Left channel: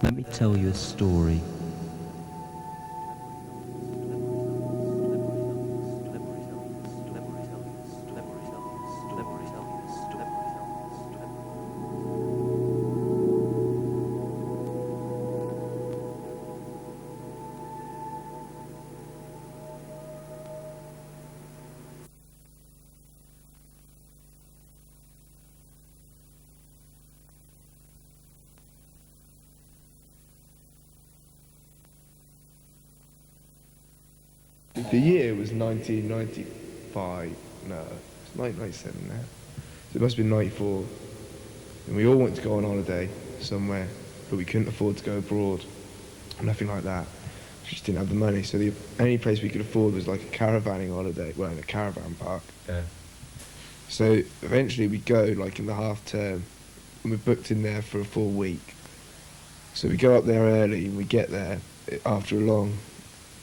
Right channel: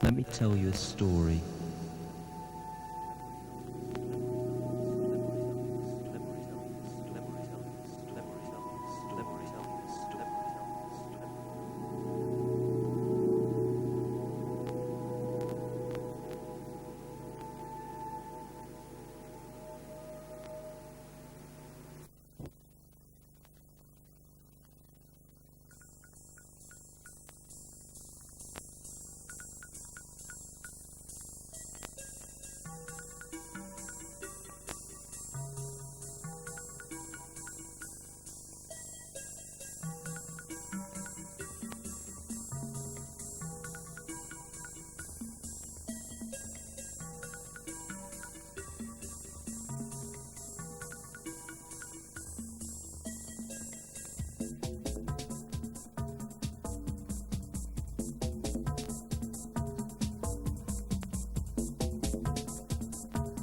Let me tell you a story. The year was 1995, no, it's 1997 now. So it must have been 94. And we all wanted to go on holiday somewhere, but we couldn't afford to go abroad. Nothing like that. We just didn't have the money. So the only place we could afford was like a caravanning holiday, well, in a caravan park. Yeah. So eventually we go like in the half term, and we're booked in there for a full week. So we go up there early and we get there after a long,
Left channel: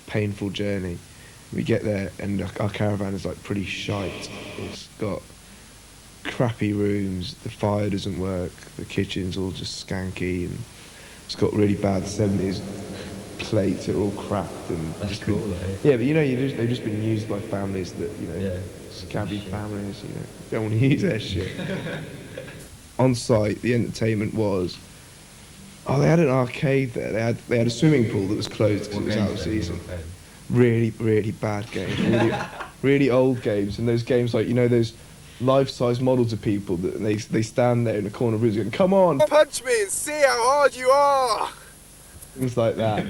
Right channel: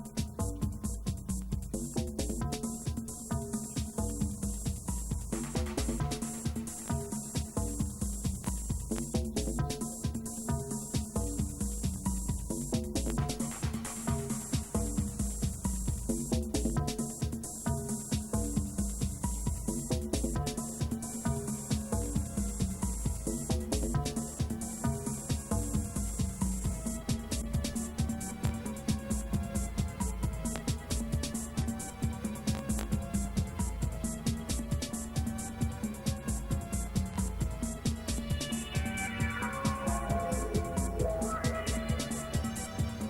painful journey. We get there and our caravan is like pretty shite. It's got crappy rooms, the fire doesn't work, the kitchen's all just skanky, and it's got really bad 70s plates that are all cracked and That's just cool, been, though. yeah, but you know, they've just been used by families that, you know, Yeah. scabby families, you know, don't want to use their shit. On site, the entertainment was, they had an arcade there. They had a swimming pool that was closed because it was out of season. Really, really bad games, really old games, and those games like, you know, those life-size models of people that they stand there in the corner of the room going, "Come on, punch me and see how hard you are." Things like that.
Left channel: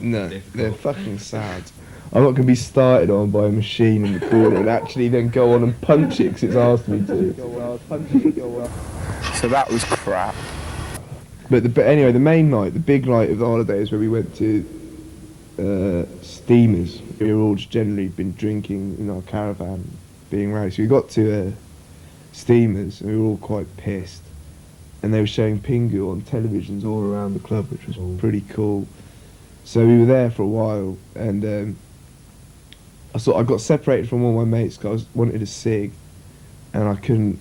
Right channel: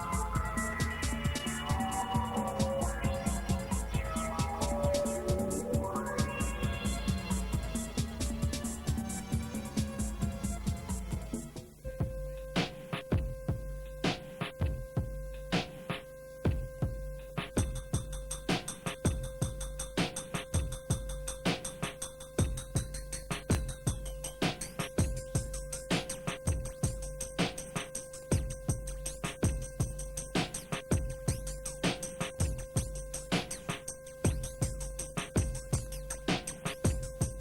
No, they're fucking sad. I'm not going to be started on by a machine in the corner and actually then go on and punch it because it's asked me to. So that was crap. But anyway, the main night, the big night of the holidays where we went to steamers. We were all just generally been drinking in our caravan, being rowdy. So we got to steamers and we were all quite pissed. And they were showing Pingu on televisions all around the club, which was pretty cool. So we were there for a while, and I got separated from all my mates because I wanted a cig, and I couldn't.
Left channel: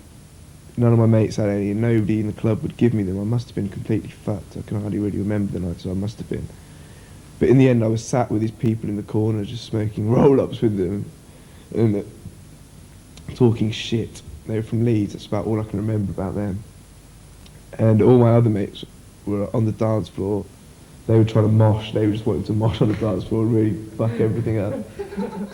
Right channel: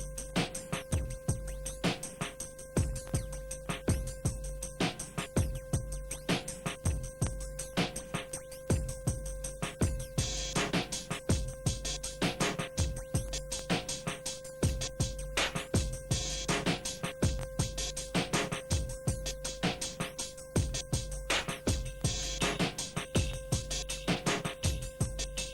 None of my mates had any, and nobody in the club would give me them. I must have been completely fucked. I can hardly really remember the night, so I must have been. But in the end, I was sat with these people in the corner, just smoking roll-ups with them, and talking shit. They were from Leeds. That's about all I can remember about them. And all my other mates were on the dance floor. They were trying to mosh. They were just wanting to mosh on the dance floor and really fuck everything up.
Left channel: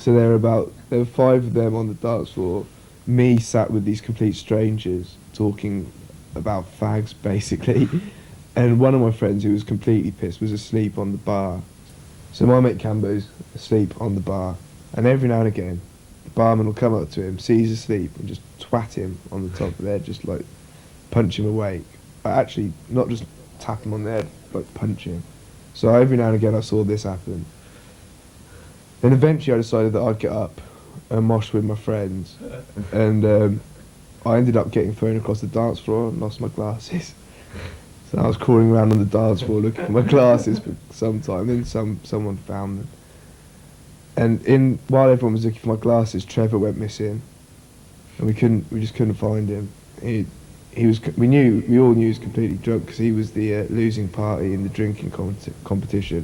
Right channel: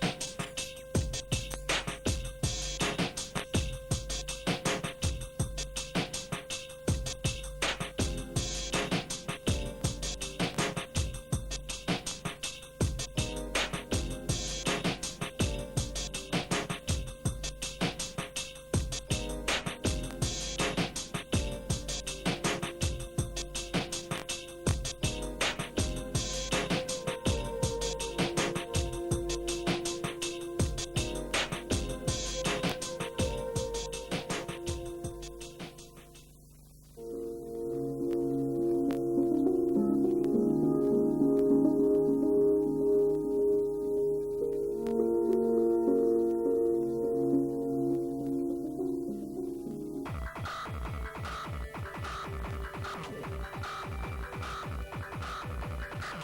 So there were 5 of them on the dance floor. Me sat with these complete strangers talking about fags, basically. And one of my friends, who was completely pissed, was asleep on the bar. So my mate Cambo's asleep on the bar. And every now and again, the barman will come up to him, see he's asleep, and just twat him on the top of the head, just like punch him away. But actually, not just tap him on the head, like punch him. So every now and again I saw this happen. Then eventually I decided that I'd get up and mosh with my friends. And I ended up getting thrown across the dance floor and lost my glasses. So I was crawling around on the dance floor looking for my glasses for some time. Then someone found them. And while everyone was looking for my glasses, Trevor went missing, and we just couldn't find him. We all knew he was completely drunk because he was the losing party in the drinking competition.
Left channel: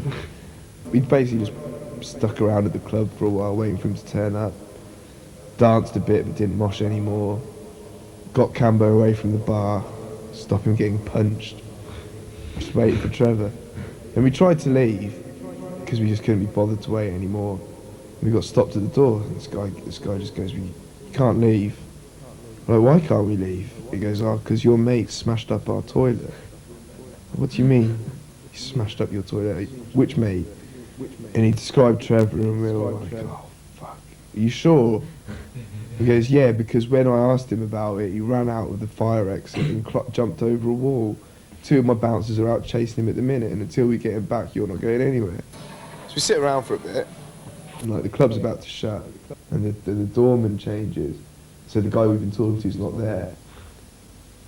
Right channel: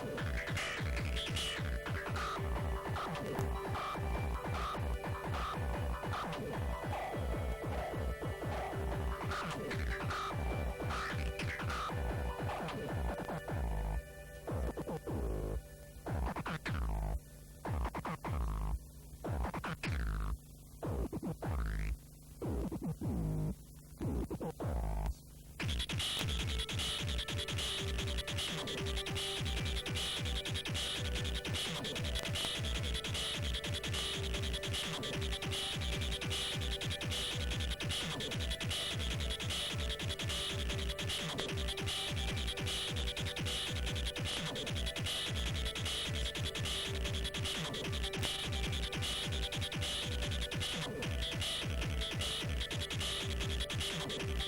We basically just stuck around at the club for a while waiting for him to turn up. Danced a bit but didn't mosh anymore. Got Cambo away from the bar, stopped him getting punched. Just waited for Trevor. And we tried to leave because we just couldn't be bothered to wait anymore. We got stopped at the door. This guy just goes, "You can't leave." I'm like, "Why can't we leave?" He goes, "Because your mate smashed up our toilet." "What do you mean, he smashed up your toilet? Which mate?" And he described Trevor, and we were like, "Oh, fuck. Are you sure?" He goes, "Yeah, because when I asked him about it, he ran out of the fire exit and jumped over a wall. 2 of my bouncers are out chasing him at the minute, and until we get him back, you're not going anywhere." So we sit around for a bit, and like the club's about to shut, and the doorman changes, so the guy we've been talking to is not there.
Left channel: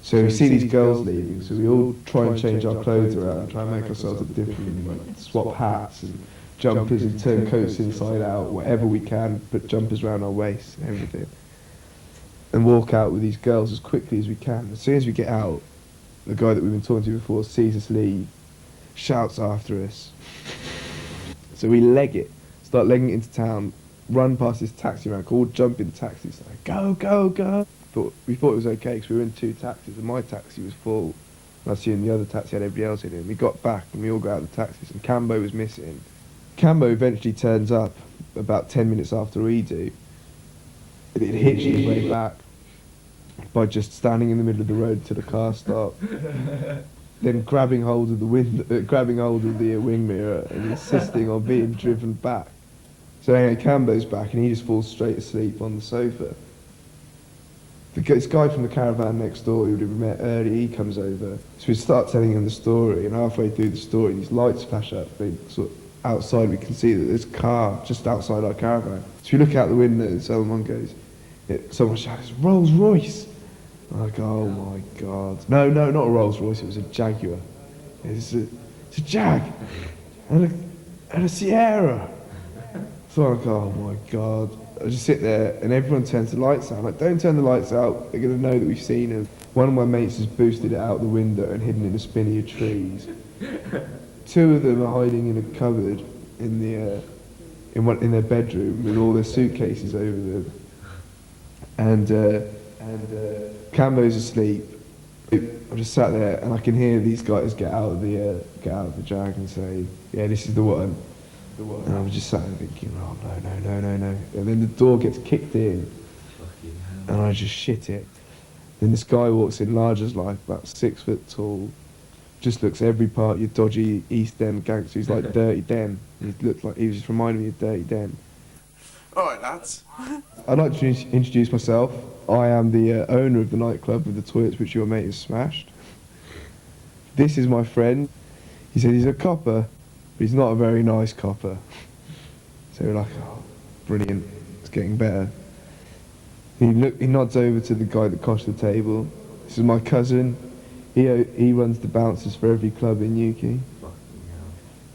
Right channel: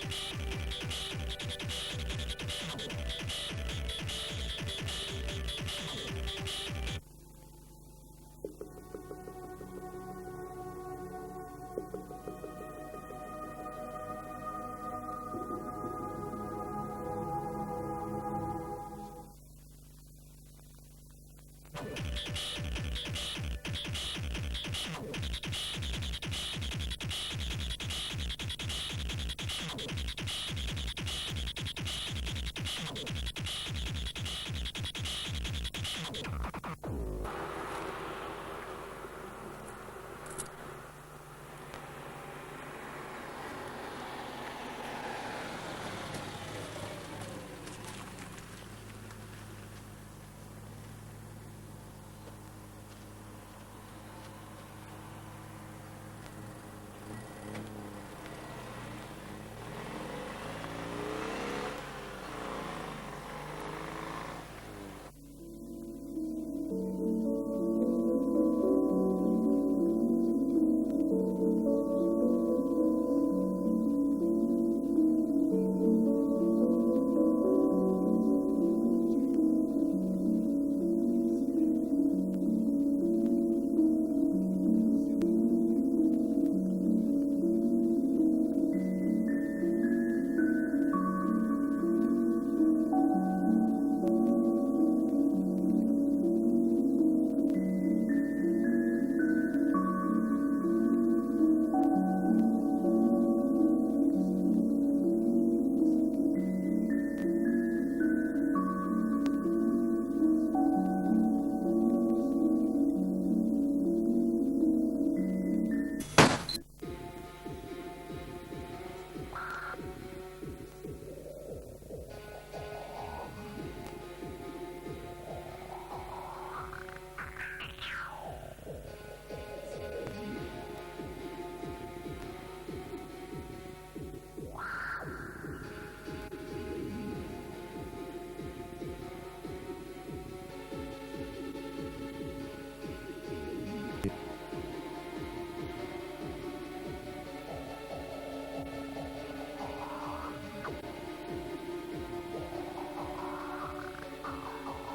So we see these girls leaving, so we all try and change our clothes around, try and make ourselves look different, and like swap hats and jumpers and turn coats inside out, whatever we can, put jumpers around our waists and everything. And walk out with these girls as quickly as we can. As soon as we get out, the guy that we've been talking to before sees us leave, shouts after us. So we leg it, start legging it into town, run past this taxi rank, all jump in taxis, go, go, go. We thought it was okay because we were in 2 taxis and my taxi was full. And I see in the other taxi had everybody else in it. We got back and we all got out of the taxis and Cambo was missing. Cambo eventually turns up about 10 minutes after we do. And it hitched his way back by just standing in the middle of the road till the car stopped. Then grabbing hold of the wing mirror and insisting on being driven back. So anyway, Cambo's back and he just falls straight asleep on the sofa. This guy from the caravan next door who we met early, he comes over. So we start telling him the story, and halfway through the story, these lights flash up. Sort of outside, we can see that there's a car just outside our caravan. So we look out the window and someone goes, someone shouts, Rolls Royce! And I go, oh my God. No, not a Rolls Royce, it was a Jaguar. It's a Jag! And a Sierra! So I go, oh my God. I just sit there and everyone turns the lights out. I'm like, don't turn the lights out, they're going to know that we've seen them. One of my mates has boosted it out the window and hidden in a spinney of trees. 2 of them are hiding in a cupboard in their bedroom with all their suitcases over them. And Cambo's asleep. I just sat there and I can hear these guys get out of the Jag and say, yeah, this is the one. And I'm just sat there thinking, oh no. And then the door gets kicked in and I just shit it. Then this guy walks in large as life, about 6 foot tall, just looks every part your dodgy East End gangster. He's like Dirty Den. He was just reminding me of Dirty Den. Alright lads. I'd like to introduce myself. I am the owner of the nightclub with the toilets which your mate has smashed. This is my friend. He said he's a copper, but he's not a very nice copper. So we're like, oh, brilliant, it's getting better. He nods over to the guy that coshed the table. This is my cousin. He runs the bouncers for every club in Newquay.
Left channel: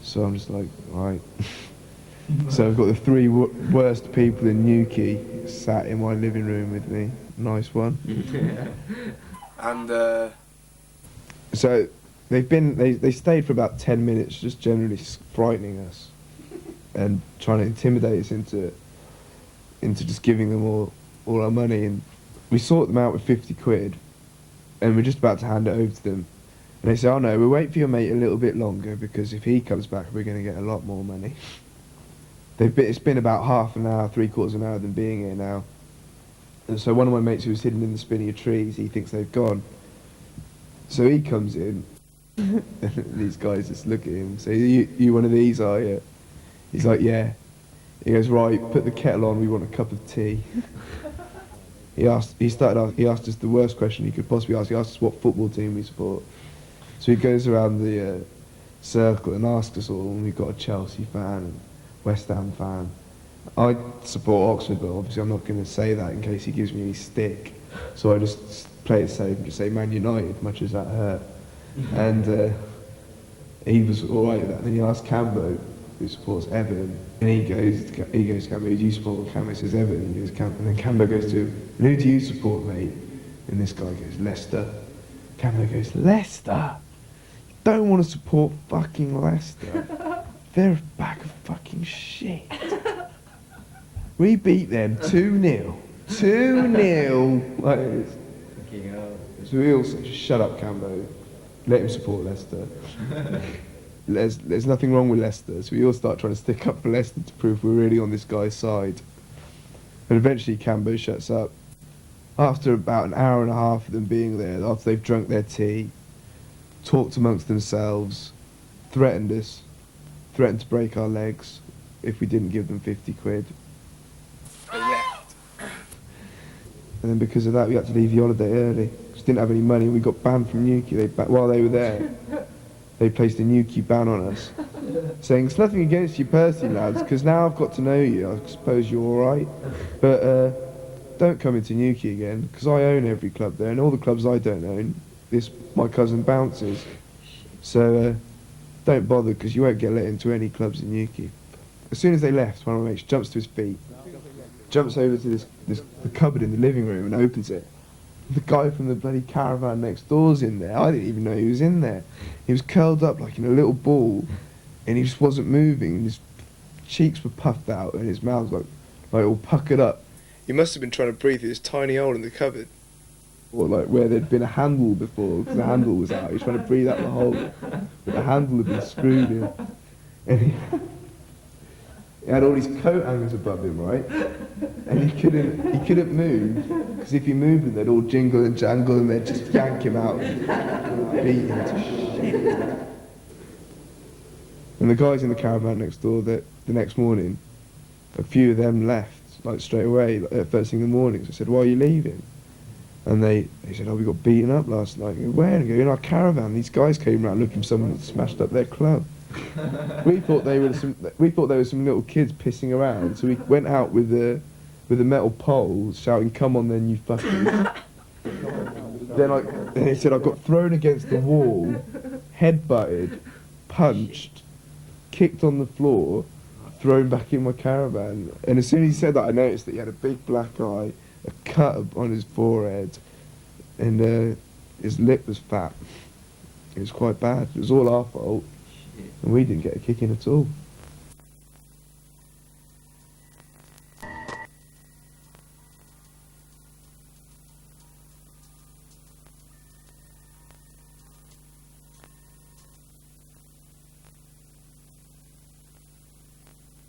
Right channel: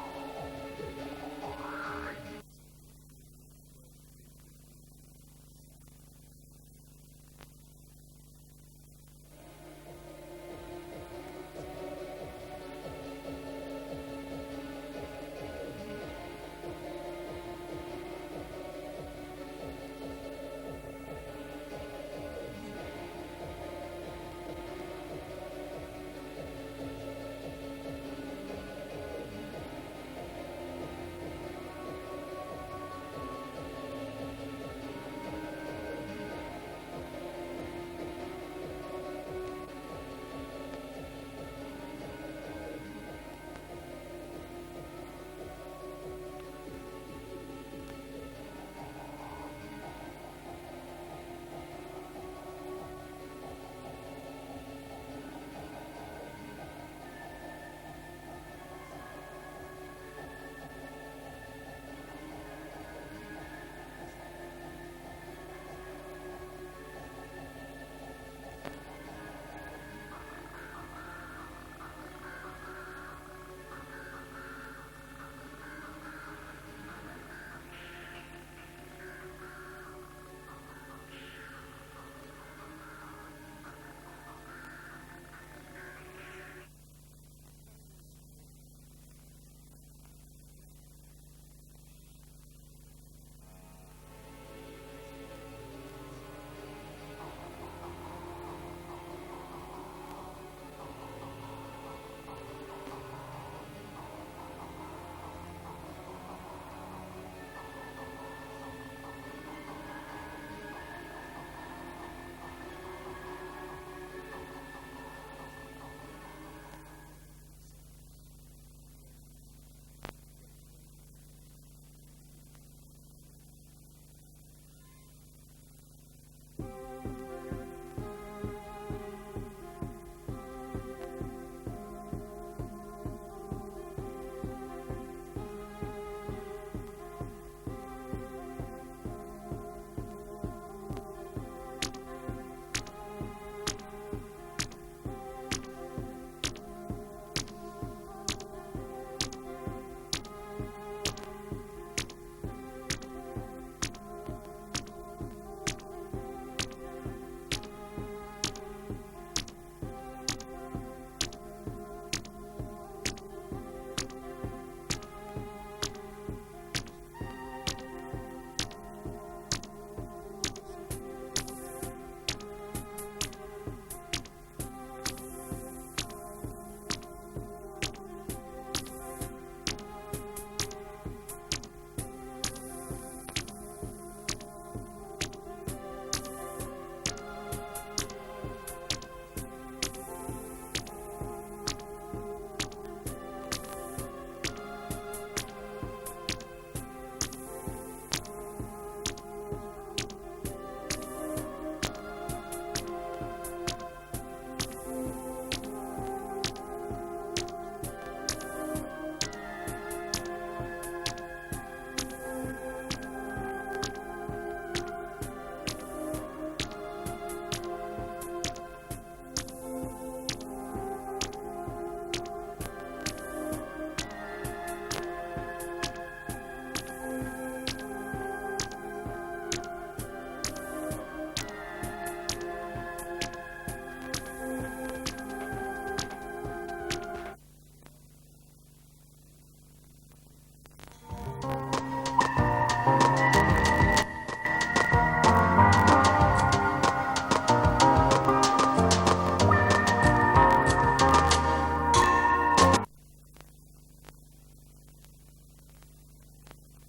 So I'm just like, right. So I've got the 3 worst people in Newquay sat in my living room with me. Nice one. And so they stayed for about 10 minutes, just generally frightening us and trying to intimidate us into just giving them all our money. And we sort them out with 50 quid, and we're just about to hand it over to them. And they say, oh no, we'll wait for your mate a little bit longer because if he comes back, we're going to get a lot more money. It's been about half an hour, 3/4 of an hour of them being here now. And so one of my mates who was hidden in the spinney of trees, he thinks they've gone. So he comes in, and these guys just look at him and say, you one of these, are you? He's like, yeah. He goes, right, put the kettle on, we want a cup of tea. He asked us the worst question he could possibly ask. He asked us what football team we support. So he goes around the circle and asks us all, and we've got a Chelsea fan, West Ham fan. I support Oxford, but obviously I'm not going to say that in case he gives me any stick. So I just play it safe and just say Man United, much as that hurt. And he was all right with that. Then he asked Cambo, who supports Everton, and he goes, Cambo, who do you support? Cambo says Everton, and then Cambo goes to him, and who do you support, mate? And this guy goes, Leicester. Cambo goes, Leicester? You don't want to support fucking Leicester. They're a bag of fucking shit. We beat them 2-0. 2-0. Like this. So we all said, just shut up, Cambo. Let him support Leicester. There's nothing wrong with Leicester, so we all start trying to stick up for Leicester to prove we're really on this guy's side. But eventually Cambo shuts up. After about an hour and a half of them being there, after they've drunk their tea, talked amongst themselves, threatened us, threatened to break our legs if we didn't give them 50 quid. they left. And then because of that, we had to leave the holiday early. Just didn't have any money. We got banned from Newquay. While they were there, they placed a Newquay ban on us, saying it's nothing against you personally, lads, because now I've got to know you. I suppose you're all right, but don't come into Newquay again, because I own every club there, and all the clubs I don't own, my cousin bounces. So don't bother, because you won't get let into any clubs in Newquay. As soon as they left, one of my mates jumps to his feet, jumps over to the cupboard in the living room and opens it. the guy from the bloody caravan next door's in there. I didn't even know he was in there. He was curled up like in a little ball, and he just wasn't moving. His cheeks were puffed out, and his mouth was like all puckered up. He must have been trying to breathe through this tiny hole in the cupboard. Or like where there'd been a handle before, because the handle was out. He was trying to breathe out the hole, but the handle had been screwed in. And he had all these coat hangers above him, right? And he couldn't move, because if he moved them, they'd all jingle and jangle, and they'd just yank him out, beat him. And the guys in the caravan next door, the next morning, a few of them left, like straight away, like, first thing in the morning. So I said, "Why are you leaving?" And they said, "Oh, we got beaten up last night." I go, "Where?" I go, "In our caravan. These guys came around looking for someone that smashed up their club." We thought they were some little kids pissing around, so we went out with a metal pole, shouting, "Come on then, you fuckers." Then he said, "I got thrown against the wall, headbutted, punched, kicked on the floor, thrown back in my caravan." And as soon as he said that, I noticed that he had a big black eye, a cut on his forehead, and his lip was fat. It was quite bad. It was all our fault, and we didn't get a kick in at all.